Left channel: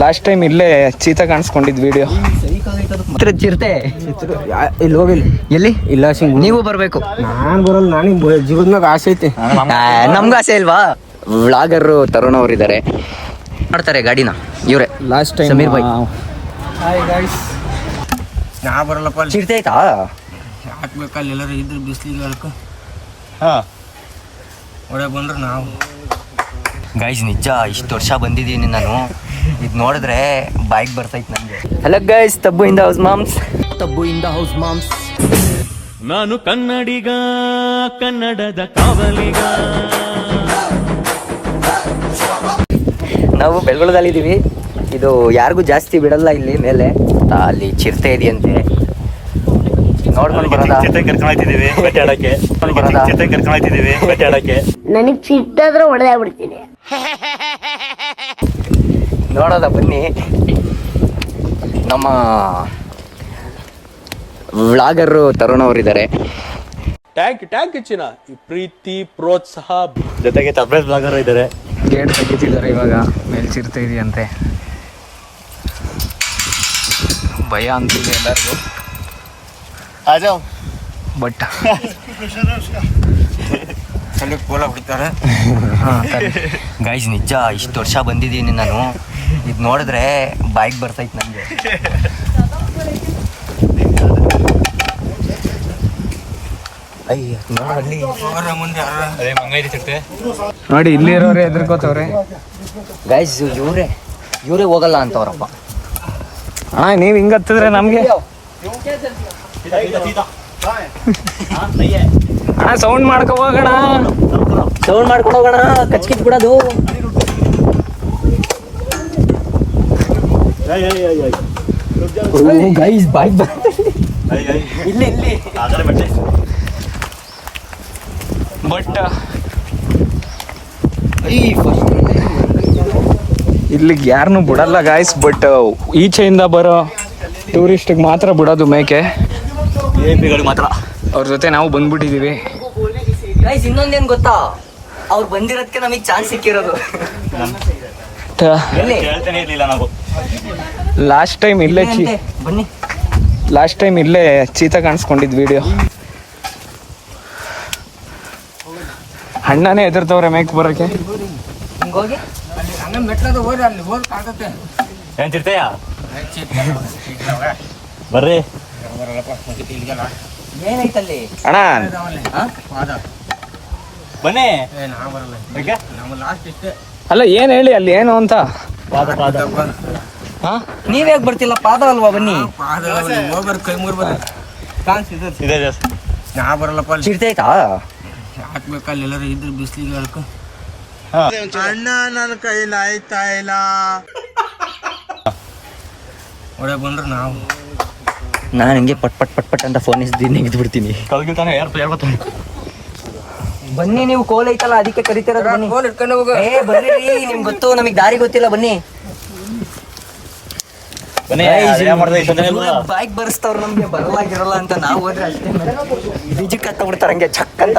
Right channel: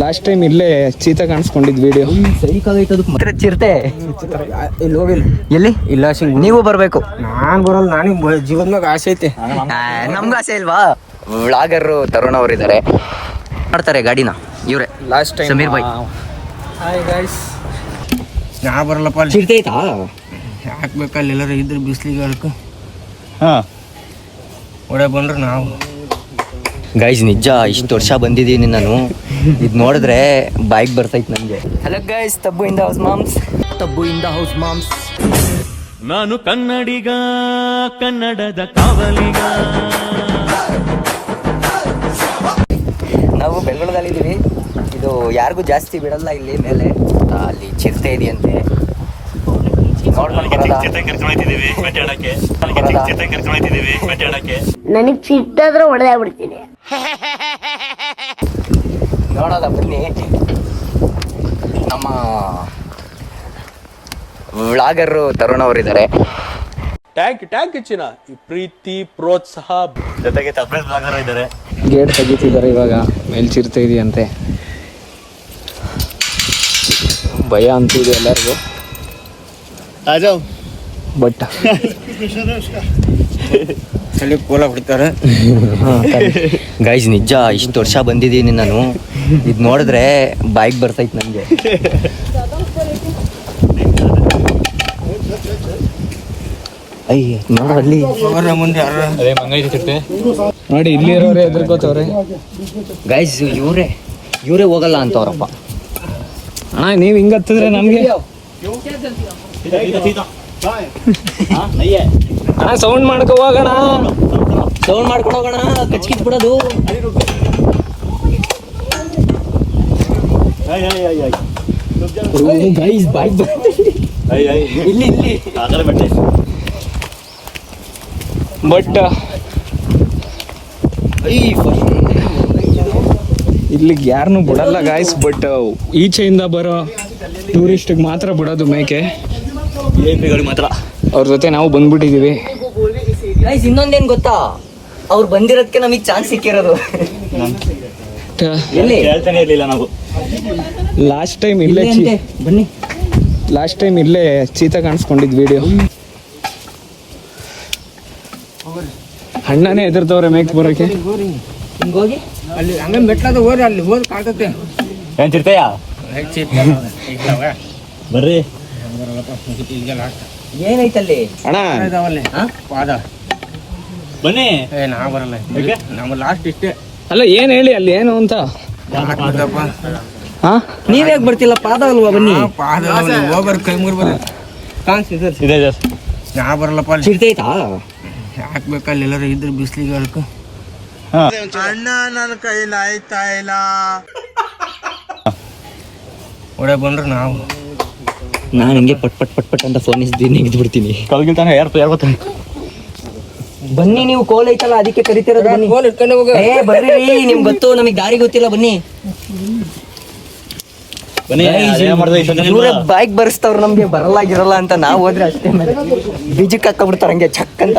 Last time ಇಲ್ಲೇ cheetah ಕಾಣಿಸ್ಕೊಂಡಿದ್ video. ಚಿರತೆ ಇಲ್ಲಿ ಹೋಗಿಲ್ಲ. ಎಲ್ಲಿ ಇಲ್ಲ ನೀವು ಬರ್ಬೇಕು. ನಾನ್ ಬರಲ್ಲ, ನನಗೆ ಜೀವನದಾಗ ಆಸೆ ಐತೆ. ನಮ್ಗೂ ಆಸೆ ಇಲ್ವಾ? ವ್ಲಾಗರ್ ತರುಣ್ ಅವರಿದ್ದಾರೆ, ಮಾಡ್ತಾರೆ ಗಾಡಿನ ಇವ್ರೆ. ಲಾಸ್ಟ್ ಟೈಮ್ ಸಮೀರ್ ಬಾಯ್. ಹಾಯ್ ಗೈಸ್, ನಾ ಬರಲ್ಲಪ್ಪ. ಚಿರತೆ ಆಯ್ತಾ? ಹಾಕ್ಬೇಕಲ್ಲ ಎಲ್ಲರೂ ಇದ್ರೆ ಬಿಸ್ಲಿಗೆ ಅದಕ್ಕೆ ಒಡೆ ಬಂದ್ರೆ ನಾವು. ಗೈಸ್ ನಿಜ ಇಷ್ಟು ವರ್ಷ ಬಂದಿದ್ದೀನಿ ನಾನು, ಇದು ನೋಡಿದ್ರೆ ಬೈಕ್ ಬರ್ತೈತೆ ನನಗೆ. Hello guys, Tabbu in the house moms. ನಾನು ಕನ್ನಡಿಗ, ಕನ್ನಡದ ಕಾವಲಿಗ. ನಾವು ಬೆಳಗೊಳದಲ್ಲಿದ್ದೀವಿ. ಇದು ಯಾರಿಗೂ ಜಾಸ್ತಿ ಬಿಡಲ್ಲ ಇಲ್ಲಿ ಮೇಲೆ, ಅಲ್ಲಿ ಚಿರತೆ ಇದೆಯಂತೆ. ನೋಡ್ಕೊಂಡು ನನಗೆ ಸಿಟ್ಟಾದ್ರೆ ಹೊಡೆದಾಗ್ಬಿಡ್ತೀನಿ. ನೋಡೋದ ಬನ್ನಿ. ನಮ್ಮ ವ್ಲಾಗರ್ ತರುಣ್ ಅವರಿದ್ದಾರೆ. ಟ್ಯಾಂಕ್ ಹೆಚ್ಚಿನ ಈ ಪ್ರೀತಿ ಪ್ರೋತ್ಸಾಹ ಜೊತೆಗೆ ವ್ಲಾಗರ್ ಇದ್ದಾರೆ. ಗೇಟ್ ತೆಗಿತಿದ್ದಾರೆ ಇವಾಗ, ಮೇಲ್ ಚಿರತೆ ಇದೆಯಂತೆ. ಭಯ ಅಂತಿದೆ ಎಲ್ಲರಿಗೂ. ಬಟ್ ಅಲ್ಲಿ ಕೋಲ ಹೊಡಿತಾರೆ. ಗೈಸ್ ನಿಜ ಇಷ್ಟು ವರ್ಷ ಬಂದಿದ್ದೀನಿ ನಾನು, ಇದು ನೋಡಿದ್ರೆ ಬೈಕ್ ಬರ್ತೈತೆ ನನಗೆ. ನೋಡಿ ಮುಂದೆ ನೋಡಿ ಇಲ್ಲಿ ಇರೋರೆ ಎದುರ್ಕೋತವ್ರೆ. ಗೈಸ್ ಇವರೇ ಹೋಗಲ್ಲ ಅಂತವ್ರಪ್ಪ. ಅಣ್ಣ ನೀವ್ ಹಿಂಗ ಹತ್ತಿದ್ರೆ ನಮ್ಗೆ ಸೌಂಡ್ ಮಾಡ್ಕೊ ಹೋಗೋಣ. ಸೌಂಡ್ ಮಾಡ್ಕೊಂಡು ಹೋಗೋಣ, ಕಚ್ಕಿಚ್ ಬಿಡೋದು. ಗೈಸ್ ಬೈಕ್ ಇಲ್ಲಿ ಬಟ್ ಇಲ್ಲಿಗೆ ಯಾರನ್ನೂ ಬಿಡಲ್ಲ ಗಾಯ್ಸ್. ಬಟ್ ಈಚೆಯಿಂದ ಬರೋ ಟೂರಿಸ್ಟಿಗೆ ಮಾತ್ರ ಬಿಡೋದು ಮೇಕೆ. ಮಾತ್ರ ಅವ್ರ ಜೊತೆ ನಾವು ಬಂದ್ಬಿಟ್ಟಿದೀವಿ. ಗೈಸ್ ಇನ್ನೊಂದೇನ್ ಗೊತ್ತಾ, ಅವ್ರು ಬಂದಿರೋದಕ್ಕೆ ನಮಗೆ ಚಾನ್ಸ್ ಸಿಕ್ಕಿರೋದು. ಹೇಳ್ತಾನೆ ಇರ್ಲಿಲ್ಲ ನಾವು. ಲಾಸ್ಟ್ ಟೈಮ್ ಇಲ್ಲೇ ಬನ್ನಿ, ಲಾಸ್ಟ್ ಟೈಮ್ ಇಲ್ಲೇ ಚೀತಾ ಕಾಣಿಸ್ಕೊಂಡಿದ್ ವಿಡಿಯೋ. ಅಣ್ಣನೇ ಎದುರ್ತವ್ರೆ ಮೇಕ್ ಬರೋಕೆ. ಹಿಂಗೋಗಿ ಅಲ್ಲಿ ಹಂಗೆ ಮೆಟ್ಲದ ಹೋದ್ರೆ ಅಲ್ಲಿ ಹೋದ್ ಕಾಣ್ತತೆ. ಏನ್ ಚಿರ್ತಯ್ಯ ಬರ್ರಿ. ಏನೈತಲ್ಲಿ ಅಣ್ಣ ಪಾದ ಬನ್ನಿ. ನಾ ಬರಲ್ಲ, ನಮ್ಮ ಲಾಸ್ಟ್ ಇಷ್ಟೇ. ಅಲ್ಲ ಏನ್ ಹೇಳಿ ಅಲ್ಲಿ ಏನು ಅಂತ. ನೀವ್ ಯಾಕೆ ಬರ್ತಿಲ್ಲ? ಪಾದ ಅಲ್ವಾ? ಬನ್ನಿ. ಪಾದ ಹೋಗ್ಬರ್, ಕೈ ಮುರ್ ಬರ್ರಿ. ನಾ ಬರಲ್ಲಪ್ಪ. ಚಿರತೆ ಆಯ್ತಾ? ಹಾಕ್ಬೇಕಲ್ಲ ಎಲ್ಲರೂ ಇದ್ರೆ ಬಿಸ್ಲಿಗೆ ಅದಕ್ಕೆ. ಅಣ್ಣ ನನ್ನ ಕೈಲಿ ಆಯ್ತಾ ಇಲ್ಲ. ಒಡೆ ಬಂದ್ರೆ ನಾವು. ನಾನು ಹಿಂಗೆ ಪಟ್ ಪಟ್ ಪಟ್ ಪಟ್ ಅಂತ ಫೋನ್ ನಿಗಿದು ಬಿಡ್ತೀನಿ. ಬನ್ನಿ, ನೀವು ಕೋಲ್ ಐತಲ್ಲ ಅದಕ್ಕೆ ಕರಿತಿರೋದು. ಬನ್ನಿ, ಫೋನ್ ಇಟ್ಕೊಂಡು ಹೋಗ. ಬನ್ನಿ ನಿಮ್ಗೆ ಗೊತ್ತು, ನಮಗ್ ದಾರಿ ಗೊತ್ತಿಲ್ಲ. ಬನ್ನಿ. ಬೈಕ್ ಬರ್ಸ್ತಾವ್ರು, ನಮ್ಗೆ ಬರಲಾಗಿರಲ್ಲ ಅಂತ ನಾವು ಹೋದ್ರೆ ಅಷ್ಟೇ. ಬೀಜಕ್ಕೆ ಹಾಕೊಂಡ್ಬಿಡ್ತಾರೆ ಹಂಗೆ ಚಕ್ ಅಂತ.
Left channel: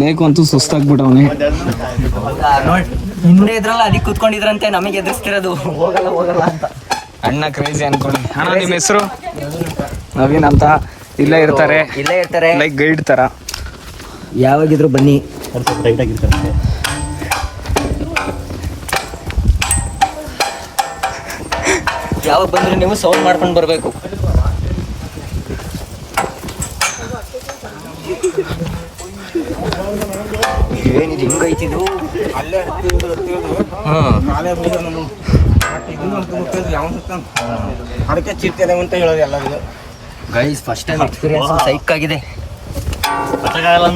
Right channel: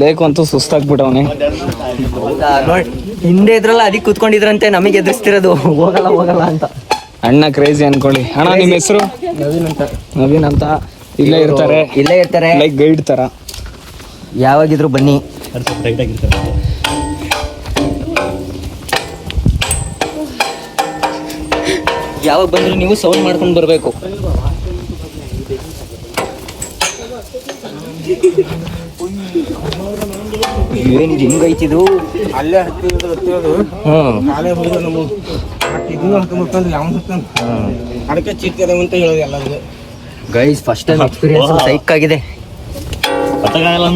ಬೇಕು ಅಂತೂ ಸುಸ್ತಾಗ್ಬಿಟ್ಟವನೆ. ಹೌದಾ? ನೋಡಿ ಹಿಂದೆ ಇದ್ರಲ್ಲ, ಅದಕ್ಕೆ ಕೂತ್ಕೊಂಡಿದ್ರಂತೆ, ನಮಗೆ ಎದುರಿಸ್ತಿರೋದು ಹೋಗಲ್ಲ ಅಂತ. ಅಣ್ಣ ಕ್ರೇಜಿ ಅನ್ಕೊಳ್ಳಿ. ಅಣ್ಣ ನಿಮ್ಮ ಹೆಸರು? ನವೀನ್ ಅಂತ. ಇಲ್ಲೇ ಇರ್ತಾರೆ ಲೈಕ್ ಗೈಡ್ ತರ. ಯಾವಾಗಿದ್ರು ಬನ್ನಿ. ಯಾವಾಗ ಬಂದ್ರೆ ನೀವು ಸೌಂಡ್ ಮಾಡ್ಕೊಂಡು ಬರ್ಬೇಕು. ಏನ್ ಹೆಂಗೈತಿದು? ಅಲ್ಲೇ ಅದಕ್ಕೆ ಚಿರ್ತಿದೆ ಅಂತ ಹೇಳೋದು ಎಲ್ಲರಿಗೂ. ಗೈಸ್ ಫಸ್ಟ್ ಟೈಮ್ ಎಕ್ಸ್ಪೀರಿಯನ್ಸ್ ಸೈಕ್ ಆಗಿದೆ.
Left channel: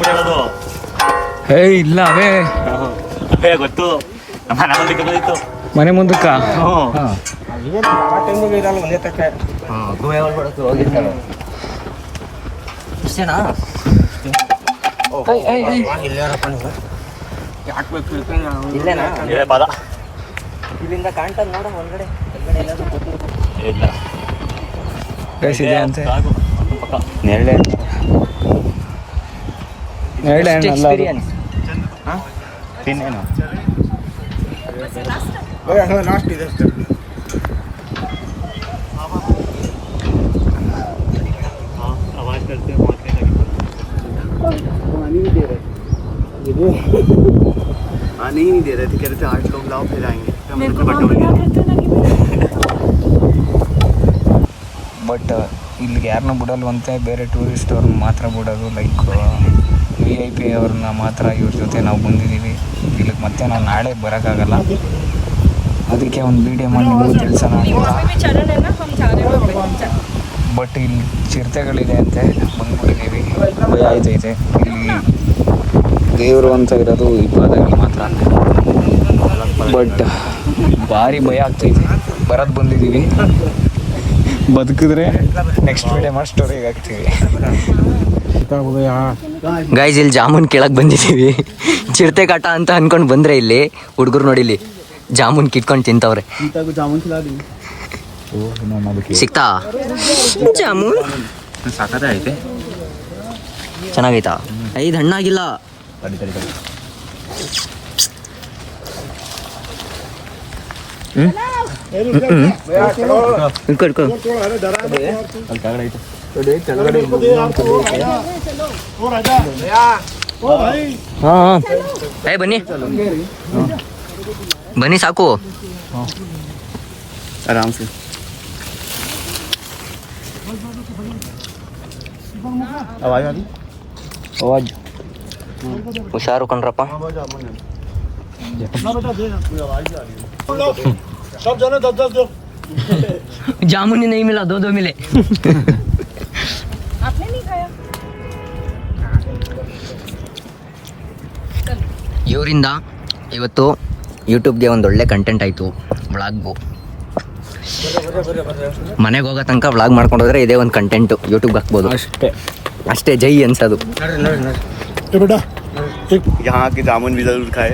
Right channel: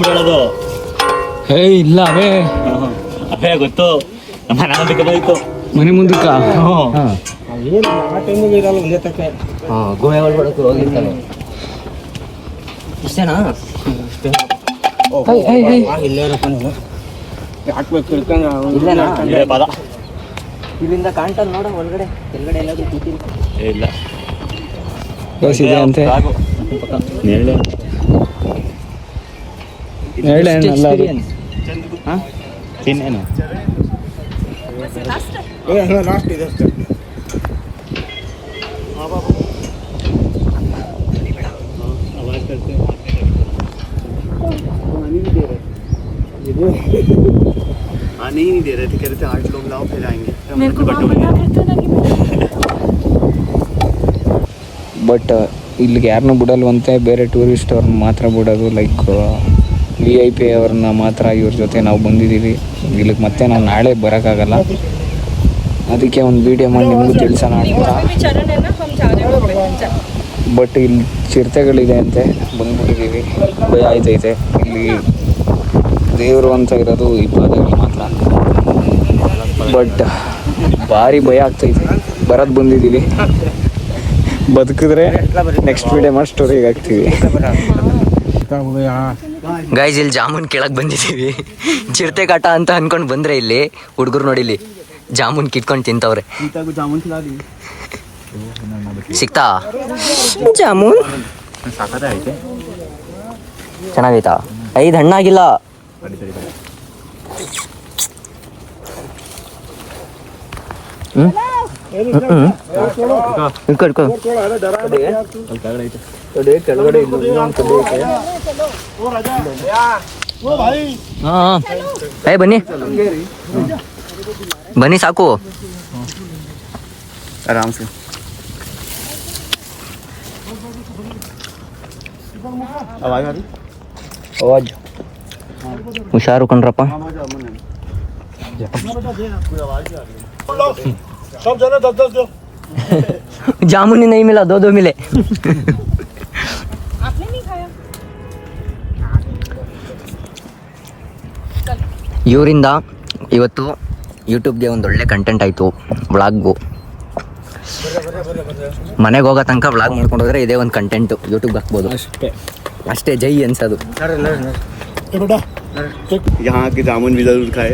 ಹೇಳೋದು ಹೇ ಇಲ್ಲ ಅವೇ ಗೊತ್ತು. ಮನೆ ಮುಂದಕ್ಕ ಏನು ಆ ಟೈಮಿಗೆ ಇರಲ್ಲ ಒಂದೇ ತಕ್ಕೆ. ಗೋವೆ ಒಳಗೆ ಹೋಗಿರ್ತಾರೆ. ಇಷ್ಟೇನಾ? ಹಾಕ್ಬೇಕು ಇಲ್ಲೇನಾ? ಇಲ್ಲಿಂದ ಕಾಣ್ತದ ನೋಡ ಒಳಗಡೆ ಕೆಳಗಡೆ ಎಲ್ಲಾದ್ರೂ ಕೂತಿರು. ಇಲ್ಲ ಗೈಸ್ ಇದೆ ಅಂತೆ. ಎಕ್ಸ್ಪೀರಿಯನ್ಸ್ ತಿನ್ನೇನು ಲಾಸ್ಟ್ ಇದೆ ಅಷ್ಟೇ. आने ही नहीं दे रहे थे, कह रहे थे 8 लोग लाओ फिर आएंगे. ಬಟ್ ಇಲ್ಲಿಗೆ ಯಾರನ್ನೂ ಬಿಡಲ್ವಂತೆ, ಬೇರೆ ಟೂರಿಸ್ಟ್ ಅವ್ರನ್ನ ಮಾತ್ರ ಬಿಡೋದು. ಲೈಕ್ VIP ಅವ್ರನ್ನ ಮಾತ್ರ ಇವ್ರ ಜೊತೆ ನಾವು ಬಂದಿದ್ದೀವಿ ಇಲ್ಲಿಗೆ. ಮತ್ತೆ ನಾವು ನಾಳೆ ಬರೋಕ್ಕಾಗಲ್ಲ, ಅದಕ್ಕೆ ಒಂದು ವಿಡಿಯೋ ಮಾಡಿ ನಿಮಗೂ ತಿಳಿಸೋಣ ಅಂತ. ಬಟ್ ಇಲ್ಲಿ ಚಿರತೆಗಳಿದೆ ಅಂತೆ, ಬಂದ್ಬಿಟ್ಟಿದ್ದೀವಿ. ಭಯ ಆಯ್ತೈತೆ. ಇಲ್ಲಿ ದೇವರು ಅಂತ ಇರೋದು ಈ ಪಾದಗಳು ಮಾತ್ರ. ಬಟ್ ಭಾರಿ ಭಯ ಆಗ್ತೈತೆ. ಬರೋದು ಬಂದಿದ್ದೀವಿ, ಬದುಕಿದ್ರೆ ನೆಕ್ಸ್ಟ್ ವಿಡಿಯೋ ಮಾಡಿ ಸ್ಟೋರಿಗೆ ಹಾಕ್ತೀವಿ. ಗೈಸ್ ಇಲ್ಲಿ ಜಾಮೂನ್ ಕೇಳಕ್ ಬಂದಿದ್ದೀವಿ. ಚಿರತೆ ಕಾಟ ಅಂತ ಅನ್ಕೊಂಡು ಬಂದ್ರೆ ಇಲ್ಲಿ ಹುಡುಗರು ನೋಡಿಲಿ ಜಾಮೂನ್ ಕಿತ್ಕೊಂಡು ತಿಂತವ್ರೆ. ಸಿಕ್ತಾ ಜಾಮೂನ್? ಸಾಕತ್ತೆ ಐತೆ. ಚೆನ್ನಾಗೈತಾ? 5 ಹಣ್ಣಾಗಿಲ್ಲ. ಬನ್ನಿ ಬನ್ನಿ ಸಾಕು. ಆರಾಮ್ ಸೆ ಹುಷಾರು ಕಣ್ರಪ್ಪ. जामुन ही नहीं मिला, 2 मिले. ಇವರಿಂದ ಇವತ್ತು ಯೂಟ್ಯೂಬ್ಗೆ ಒಂದು ಒಳ್ಳೆ ಕಂಟೆಂಟ್ ಆಯಿತು. ವ್ಲಾಗು ಮನೆಗೆ ಹೋಗೋ ತನಕ ವ್ಲಾಗ್ ಮಾಡ್ಕೊಂಡು ಹೋದ್ರೆ ಇದೇ ಒಂದು ಕಂಟೆಂಟು ಯೂಟ್ಯೂಬ್ಗೆ ಹಾಕ್ಬೋದು ಅಷ್ಟೇ. ಜೈ ಅನ್ಸೋದು. यहाँ के जामुन भी जरूर खाए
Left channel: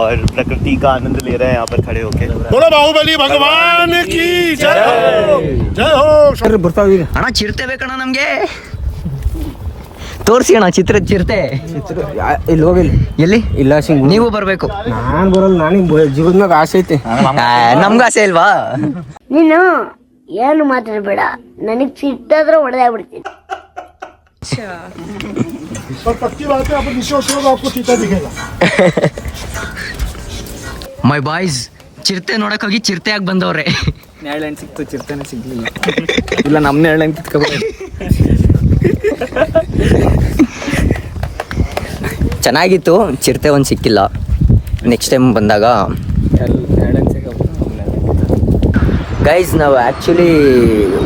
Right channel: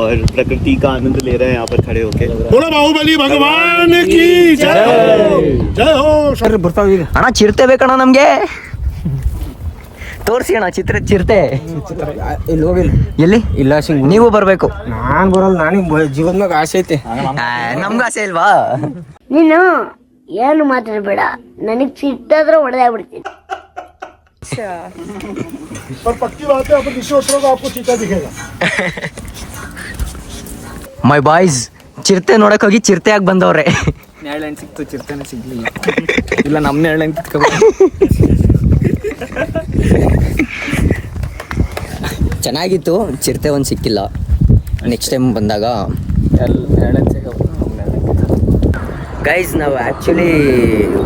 और प्रकृति का आनंद ले रहे हैं यहाँ पर खड़े होके. बोलो बाहुबली भगवान की जय हो, जय हो. ಅಣ್ಣ ಚಿರತೆ ಬೇಕಣ್ಣ ನಮಗೆ, ತೋರಿಸಿ ಅಣ್ಣ ಚಿರತೆ. ಇಲ್ಲಿ ಹೋಗಿಲ್ಲ. ಎಲ್ಲಿ? ಇಲ್ಲ ನೀವು ಬರಬೇಕು. ನಾನು ಬರಲ್ಲ, ನನಗೆ ಜೀವನದಾಗ ಆಸೆ ಐತೆ. ನಮ್ಗೂ ಆಸೆ ಇಲ್ವಾ? ನೀನು ಏನು ಮಾತಾಡ್ಬೇಡ, ನನಗ್ ಸಿಟ್ಟಾದ್ರೆ ಹೊಡೆದಾಗ್ಬಿಡ್ತೀನಿ. ಮೈ ಬಾಯ್ಸ್ ಚಿರತೆ ನೋಡಕ್ ಹೋಗಿ ಚಿರತೆಯಾಗಿ ಬಂದವ್ರೆ. ನೇರಳೆ ಸಿಕ್ತು, ಚಿರತೆನೇ ಸಿಗ್ಲಿಲ್ಲ. ಇಲ್ಲ ನಮ್ಮ ನೇರಳೆ ಕಿತ್ಕೊಬೇಕು. ಚೆನ್ನಾಗಿತ್ತು, ಚಿರತೆ ಒಂದು ಸಿಕ್ಕಿಲ್ಲ. ನೆಕ್ಸ್ಟ್ ಟೈಮ್ ಬಂದಾಗ ಗೈಸ್ ನಾವು ಆ್ಯಕ್ಚುಲಿ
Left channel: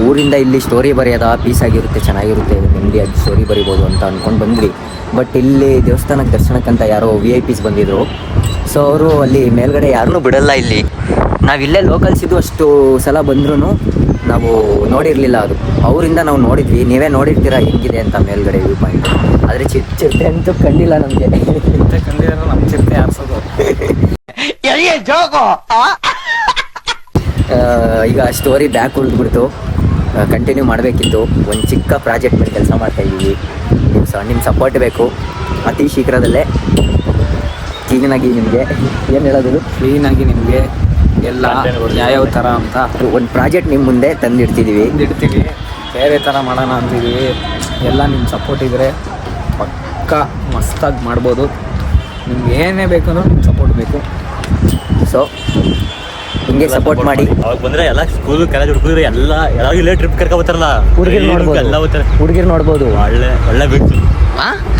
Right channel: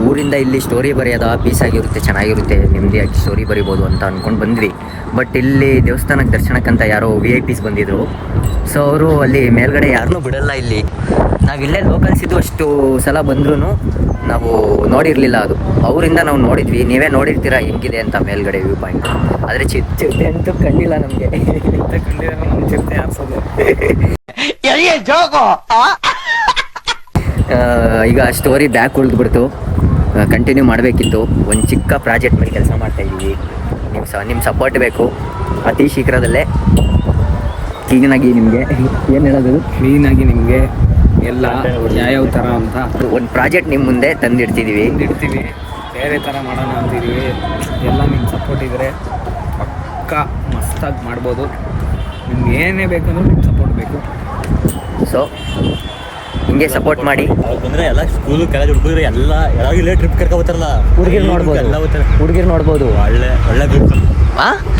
ಊರಿಂದ ಇಲ್ಲಿ ಸ್ಟೋರಿ ಬರೆಯೋದ ಪೀಸ್ ಆಗಿರುತ್ತೆ, ಚೆನ್ನಾಗಿರುತ್ತೆ, ನೆಮ್ಮದಿಯಾಗಿ ಸ್ಟೋರಿ ಬರಿಬೋದು ಅಂತ ಅಂದ್ಕೊಂಡು ಬಂದ್ವಿ. ಬಟ್ ಇಲ್ಲಿ ದೇವಸ್ಥಾನಕ್ಕೆ ದರ್ಶನಕ್ಕಂತ ಯಾರೋ VIPs ಬಂದಿದ್ರು. ಸೊ ಅವರು ಅಲ್ಲಿ ಮೇಲ್ಗಡೆ ಯಾರನ್ನೂ ಬಿಡಲ್ಲ. ಇಲ್ಲಿ ನಾವಿಲ್ಲೇ ಲೋಕಲ್ಸ್ ಇದ್ದು ಅಷ್ಟು ಸಲ ಬಂದ್ರೂ ನಾವು ನೋಡಿರಲಿಲ್ಲ. ಅದು ಅವರಿಂದ ನಾವು ನೋಡಿದ್ವಿ. ನೀವೇ ನೋಡಿರ್ತೀರ ಹೆಂಗಿದೆ ಅಂತ ಮೇಲ್ಗಡೆ ವ್ಯೂ ಪಾಯಿಂಟ್. ಆದರೆ ಚಿರತೆ ಅಂತೂ ಕಂಡಿಲ್ಲ ನಮಗೆ. ಕಂಡಿದ್ರೆ ನಮ್ಮ ಚಿರತೆ ಆರಿಸೋದು. ಈಗ ಸ್ಟೋರಿ ಬ್ಯಾಕ್ ಉಳಿದ್ಬಿಡ್ತು, ಕಂಟಿನ್ಯೂ ಮಾಡಬೇಕಿತ್ತು. ಒಂದು ಚಿಕ್ಕ ಪ್ರಾಜೆಕ್ಟ್ ಮೇಲೆ ಕೆಲಸ ಮಾಡ್ತಾಯಿದ್ದೀವಿ. ನಿಮ್ಮ ಸಪೋರ್ಟ್ ಬೇಕು. ಅತಿ ಶೀಘ್ರದಲ್ಲೇ ಕ್ಲೀನಾಗಿ ನಿಮಗೆ ಏನು ಹೇಳೋದು, ಕ್ಲೀನಾಗಿ ನಿಮಗೆ ಎಲ್ಲ ಯಾವ್ಯಾವ ಥರ ಅಂತ ಒಂದು ಪ್ರಾಜೆಕ್ಟ್ ನಿಮ್ಮ ಮುಂದೆ ತಂದಿಡ್ತಿದ್ದೀವಿ. ಬೇರೆ ಥರ ಮಾಡೋಣ ಅಂತಿದ್ದೀವಿ. ಎಲ್ಲ ನಿಮ್ಮ ಸಪೋರ್ಟ್ ಇದ್ದರೆ ಪಕ್ಕ ಮಸ್ತಾಗಿ ಮಾಡ್ಬೋದು. ನಿಮ್ಗೆ ಏನೇ ಬೇಕಂದ್ರೂ ನಿಮ್ಮ ಸಪೋರ್ಟ್ ಬೇಕು. ಸೊ ಹಿಂಗೆ ಸಪೋರ್ಟ್ ಮಾಡಿ. ಅವಾಗ ಬಂದ್ರೆ ಎಲ್ಲ ಸ್ಕೂಲ್ ಕಾಲೇಜ್ ಹುಡುಗರು ಎಲ್ಲ ಇಲ್ಲೇ ಟ್ರಿಪ್ ಕರ್ಕೊಬತ್ತಾರಲ್ಲ, ಹುಡುಗಿರ್ ನೋಡ್ಬೋದು, ಎಲ್ಲ ಹೋಗ್ತಾರೆ. ಹುಡುಗಿರ್ ನೋಡ್ಬೋದು. ಒಳ್ಳೆ ಒಳ್ಳೆ ಬೀಚ್.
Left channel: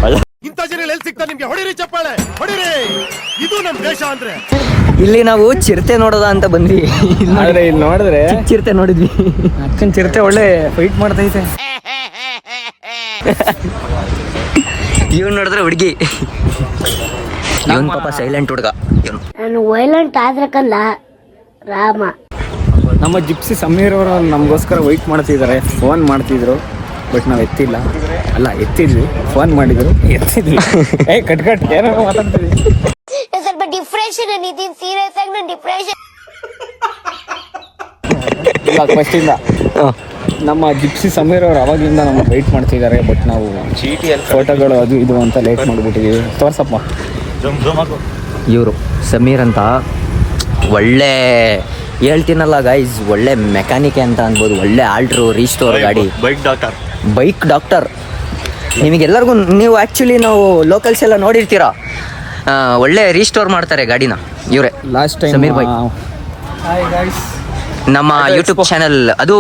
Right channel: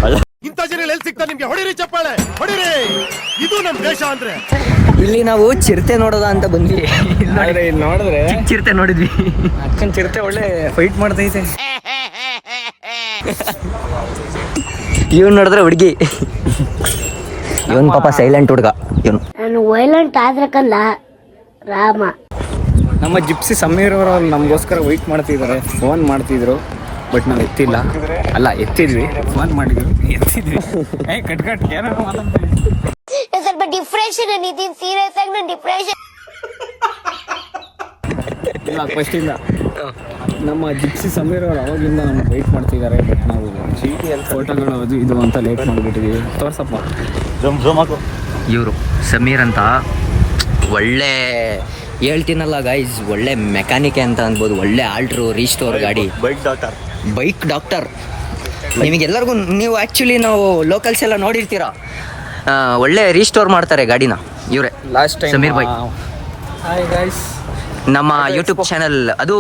ಒಳ್ಳೆ ಇಂಥ ಜನ ಎಲ್ಲಿ ಸಿಗ್ತಾ ನಿಮ್ಗೆ? ಹೊಡಿರಿ ಚಪ್ಪಾಳೆ, ಹೊಡಿರಿ. ಇದು ನಮ್ಮ ದೇಶ ಅಂದ್ರೆ. ಇಲ್ಲಿ ನಾವು ಚಿರತೆ ನೋಡೋದ ಅಂತ ಬಂದ್ವಿ. ಇಲ್ಲಿ ನೋಡಿದ್ರೆ ಚಿಕ್ಕ ಚಿರತೆ ನೋಡಿದ್ವಿ. ಅಕ್ಕನ ಚಿರತೆ ಒಳ್ಳೆ ಫೈಟ್ ಮಾಡ್ತೈತೆ. ಇವನ್ ನೋಡಿದ್ರೆ ಹುಡುಗಿ, ಇವನ್ ಪಾಪ ಸೈಲೆಂಟ್ ಹುಡುಗ. ಇವನು ನಾನು ವೈಲೆಂಟ್ ಆದ್ರಕ್ಕಲ್ಲ ರಾಮ. ನಮ್ಮ ಜಿಪ್ಸಿ ಸಮೀರ್ ಅವರು ನಮಗೋಸ್ಕರ ವೆಯ್ಟ್ ಮಾಡ್ತಿದ್ದಾರೆ. ಫೋನ್ ಮಾಡ್ತಿದ್ರು, ಬಟ್ ನಾವು ಎತ್ತಿಲ್ಲ. ಅಲ್ಲ ಎತ್ತಿದ್ವಿ, ಫೋನ್ ಮಾಡಿದ್ರು, ಎತ್ತಿದ್ವಿ. ಕಟ್ ಏನೋ ಮಾತಾಡ್ತೀವಿ. ಸ್ವಲ್ಪ ಡಿಪ್ರೆಷನ್ ನಿತಿನ್, ಸೀರಿಯಸ್ ಆಗಿ ನಾನು ಡಿಪ್ರೆಷನ್. ಇಲ್ಲ ಫಸ್ಟಿಂದ ನಮ್ಮ ಜಿಪ್ಸಿ ಸಮೀರ್ ಅವರು ಅವಾಗಿಂದ ನಮ್ಗೆ ವೆಯ್ಟ್ ಮಾಡ್ತಿದ್ದಾರೆ. ಬಟ್ ನಾವು ಫೋಟೋಗಳು ಅದು ಇದು ಅಂತ ಲೇಟ್ ಮಾಡಿಬಿಟ್ಟಿದ್ದೀವಿ. ತೋರ್ಸಪ್ಪ. ಇವರು ಸಮೀರ್ ಅಂತ ಒಳ್ಳೆ ಹೇಳ್ತೀನಲ್ಲ ಗೈಸ್, ಒಳ್ಳೆ ಮೆಕ್ಯಾನಿಕೆ ಅಂತ ಅನ್ಬೋದು. ಒಳ್ಳೆ ಆಲ್ಟ್ರು ರೀಸ್ಟೋರ್ ಗಾಡಿ, ಬೈಕ್ ಡಾಕ್ಟರ್. ನಿಮಗೆಲ್ಲರಿಗೂ ನೀವು ಆ್ಯಕ್ಚುಲಿ ನಾವು ಲೋಕಲ್ಸ್ ಎಲ್ಲ ನೋಡಿರ್ತೀರ, ಒಳ್ಳೆ ರೀಸ್ಟೋರ್ ಮಾಡ್ತಾರೆ ಗಾಡಿನ ಇವರೇ, ಸಮೀರ್ ಬೈಕ್. ನಮ್ಮ ಯೂಟ್ಯೂಬ್ ಚಾನಲ್ ಅದು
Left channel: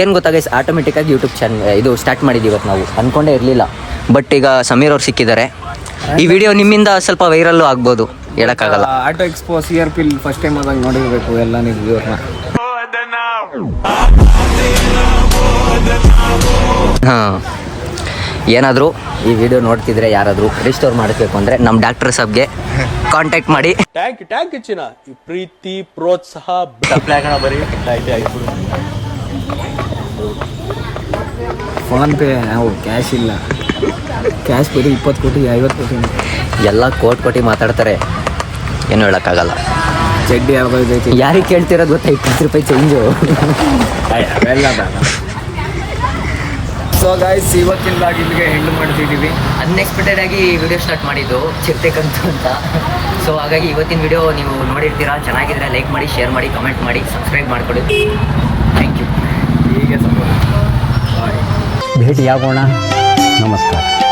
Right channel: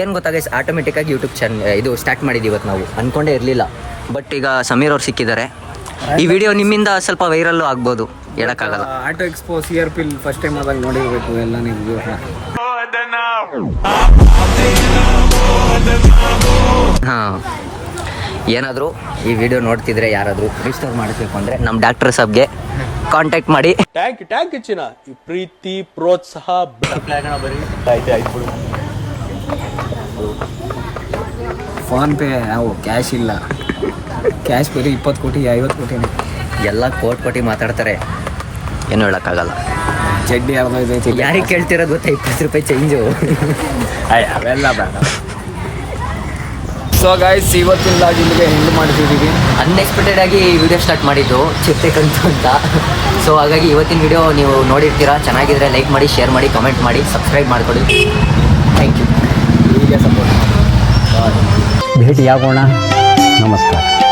ಏನು ಗೊತ್ತಾ ಗೈಸ್, ಆಟೋಮೆಟಿಕ್ಕಾಗಿ ಯೂಟ್ಯೂಬ್ ಚಾನಲ್ ಇದು ಸ್ಟಾರ್ಟ್ ಮಾಡಿದ್ದೀವಿ ಇವತ್ತು. ನಾವು ಅಂದ್ಕೊಂಡೇ ಇರಲಿಲ್ಲ, ಬಟ್ ಈಗ ಸಮೀರ್ ಅವ್ರು ಸಿಕ್ಕಿದ್ದಾರೆ. ಈ ವಿಡಿಯೋ ನಿಮ್ಮಿಂದ ಸ್ವಲ್ಪ ವೈರಲ್ಲು ಆಗ್ಬೋದು, ಹೇಳೋಕ್ಕಾಗಲ್ಲ. Auto expo CRP first time ಆದಾಗ ನೋಡಿರಬೇಕು ಎಲ್ಲ ನೀವು. ಹಾಂ, ಏನಾದರೂ ಈ ವಿಡಿಯೋ ನೋಡ್ತಿದ್ರೆ ಯಾರಾದರೂ ರಿಸ್ಟೋರ್ ಮಾಡಬೇಕು ಅಂದರೆ ನಮ್ಮ ಡಾಕ್ಟರ್ ಸಾಬ್ಗೆ ಕಾಂಟ್ಯಾಕ್ಟ್ ಮಾಡಿ. ಟ್ಯಾಂಕ್ ಹೆಚ್ಚಿನ ಈ ಪ್ರೀತಿ ಪ್ರೋತ್ಸಾಹ ಫೋನ್ಪೇ ನಾವು ಕ್ಯಾಶ್ ಇಲ್ಲ, ಕ್ಯಾಶ್ ಬರೀ 20 ಕೋಟಿ 50 ಕೋಟಿ ಎಲ್ಲ ಕೋಟಿ ಮಾತಾಡ್ತಾರೆ, ಏನು ಹೇಳೋಕ್ಕಾಗಲ್ಲ. ಚಡ್ಡಿ ಯಾವ್ದೈತಿ ಯಾರಿಗೆ ಕೇಳ್ತಿರೋದು ಗೊತ್ತಾ, 20 ರೂಪಾಯಿ ಚೇಂಜು. ಅವೆಲ್ಲ ಬೇಡ. ಸೊ ಗಾಯ್ಸ್, ಇವತ್ತಿನ ಲಾಗ್ ಇಲ್ಲಿಗೆ ಎಂಡ್ ಮಾಡ್ತಿದ್ದೀವಿ. ಅನ್ಎಕ್ಸ್ಪೆಕ್ಟೆಡ್ ಆಗಿ ಈ ವಿಡಿಯೋ ಸ್ಟಾರ್ಟ್ ಮಾಡಿದ್ದು ಚಿರ್ತಕ್ಕಂತ ಅಂತ. ಸೊ ಹಾಗಾಗಿ ಇವತ್ತಿನ ವಿಡಿಯೋ ನೀವು ನೋಡಿರ್ತೀರಾ. ಚೆನ್ನಾಗಿದ್ರೆ ಲೈಕ್ ಮಾಡಿ, ಶೇರ್ ಮಾಡಿ, ಕಮೆಂಟ್ ಮಾಡಿ, ಸಬ್ಸ್ಕ್ರೈಬ್ ಮಾಡ್ಕೊಳ್ಳಿ. Thank you. ಹೀಗೆ ಸಪೋರ್ಟ್ ಮಾಡಿ. ಬಾಯ್. ಭೇಟಿಯಾಗೋಣ. ನಮಸ್ಕಾರ.